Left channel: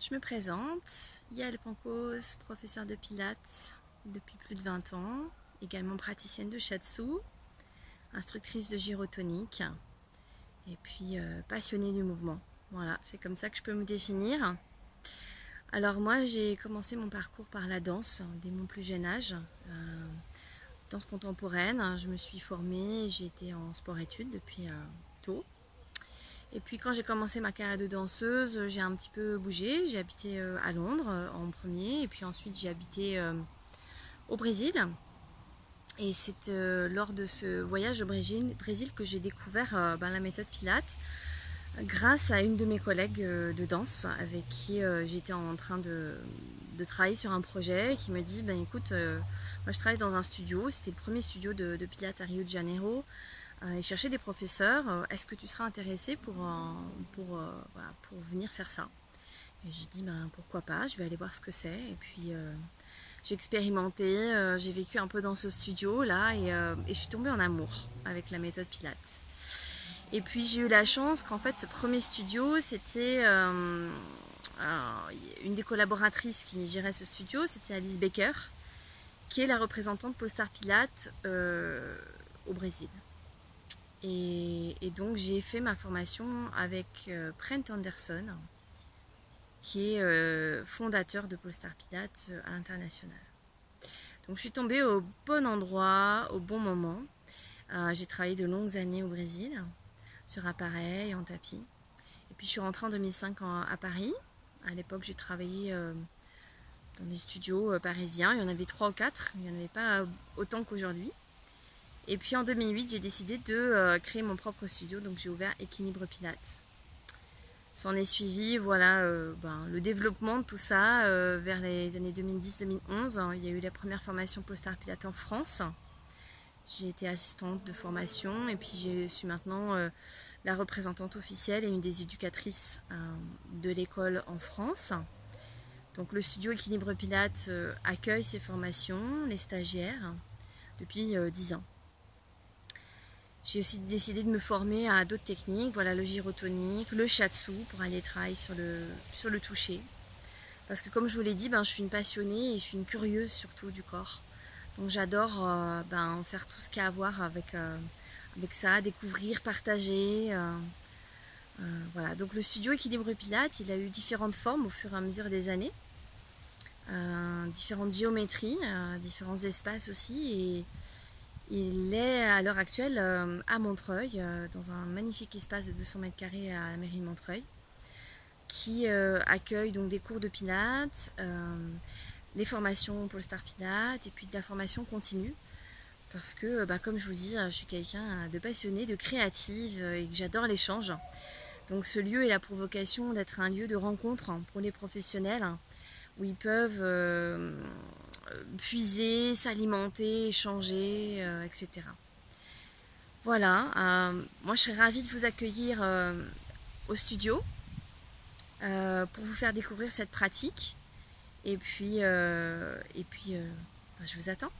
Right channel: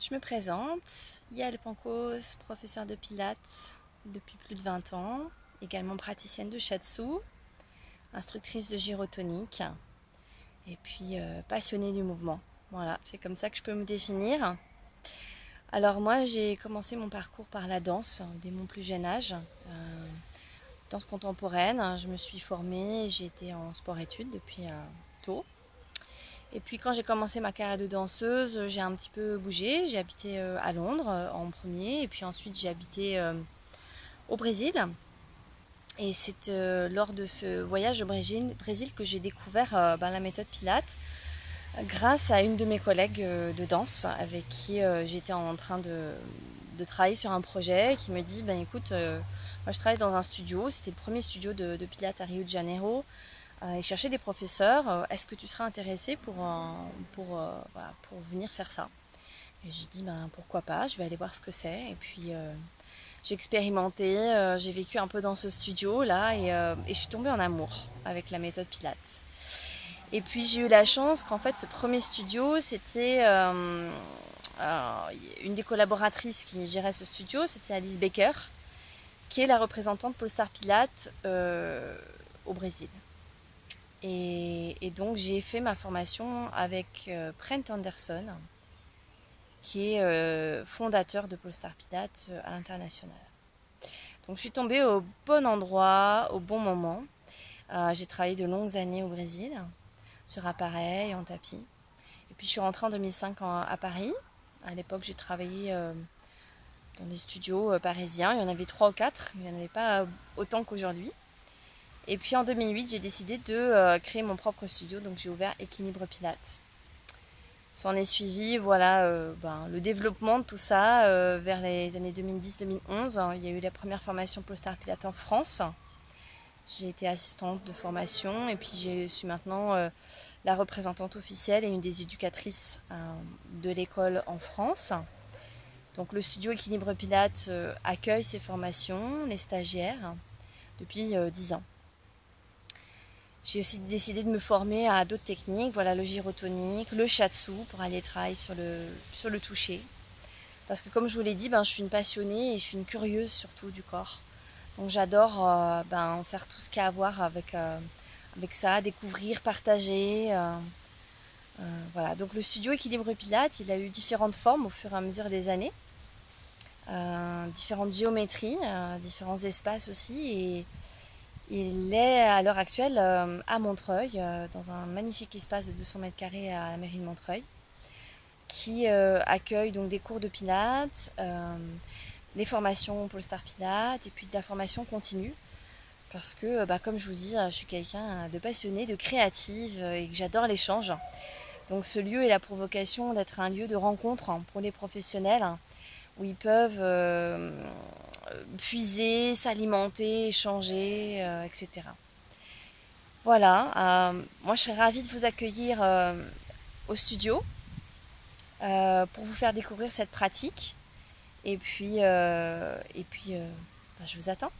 Je me présente, Yael Pancos, professeure de pilates depuis plus de 20 ans, également praticienne de shiatsu, instructrice de gyrotonique et puis passionnée du mouvement. Voilà, c'est comme ça que je peux me définir. Alors moi, j'ai commencé mon parcours par la danse dès mon plus jeune âge. Danse contemporaine, je me suis formée, j'ai été en sport-études depuis tôt. Et puis quand j'ai commencé ma carrière de danseuse, j'ai un petit peu bougé. J'ai habité à Londres en premier et puis ensuite j'ai habité au Brésil. Et c'est lors de ce voyage au Brésil que j'ai découvert la méthode Pilates grâce à une de mes collègues de danse avec qui j'étais en train de travailler sur un projet qui me dit écoute, moi je travaille dans un studio, c'était le premier studio de Pilates à Rio de Janeiro. Et chercher des professeurs, est-ce que tu seras intéressé pour venir faire ça? Et j'ai dit pourquoi pas, je vais aller voir ce que c'est. Et puis j'ai expérimenté, j'ai vécu un peu dans ce studio là et je suis tombée en amour avec la méthode Pilates. Et puis j'ai eu la chance qu'en fait ce premier studio c'était une des collaboratrices qui gérait ce studio, c'était Alice Baker, qui est la représentante Polestar Pilates au Brésil. Et donc j'ai fait ma formation avec Brent Anderson, qui est fondateur de Polestar Pilates à l'international. Donc je suis tombée au bon endroit, au bon moment. J'ai travaillé de longues années au Brésil, sur appareil, en tapis. Et puis je suis rentrée en 2005 à Paris. À l'époque j'ai travaillé dans des studios parisiens. Il y en avait 3 ou 4, il n'y en avait pas autant qu'aujourd'hui. Et puis en 2008, j'ai décidé de créer mon propre studio, donc j'ai ouvert Équilibre Pilates. S'en est suivi le développement de tout ça vers les années 2010-2011. Il y a eu la première formation Polestar Pilates en France. J'ai été assistante de formation et puis je suis maintenant la représentante officielle et une des éducatrices de l'école en France. Donc le studio Équilibre Pilates accueille ces formations, les stagiaires, depuis 10 ans. J'ai aussi décidé de me former à d'autres techniques, voilà, le gyrotonique, le shiatsu pour aller travailler sur le toucher. Parce que comme je vous l'ai dit, je suis une passionnée et je suis une curieuse surtout du corps. Donc j'adore faire tout ce qu'il y a à voir avec ça, découvrir, partager. Voilà. Donc le studio Équilibre Pilates, il a eu différentes formes au fur et à mesure des années. Différentes géométries, différents espaces aussi. Et il est à l'heure actuelle à Montreuil, dans un magnifique espace de 200 mètres carrés à la mairie de Montreuil, qui accueille donc des cours de pilates, les formations Polestar Pilates et puis de la formation continue. Parce que, comme je vous dis, je suis quelqu'un de passionné, de créative et que j'adore l'échange. Donc ce lieu il a pour vocation d'être un lieu de rencontre pour les professionnels où ils peuvent puiser, s'alimenter, échanger, etc. Voilà, moi je serais ravie de vous accueillir au studio pour vous faire découvrir cette pratique. Et puis je vous attends.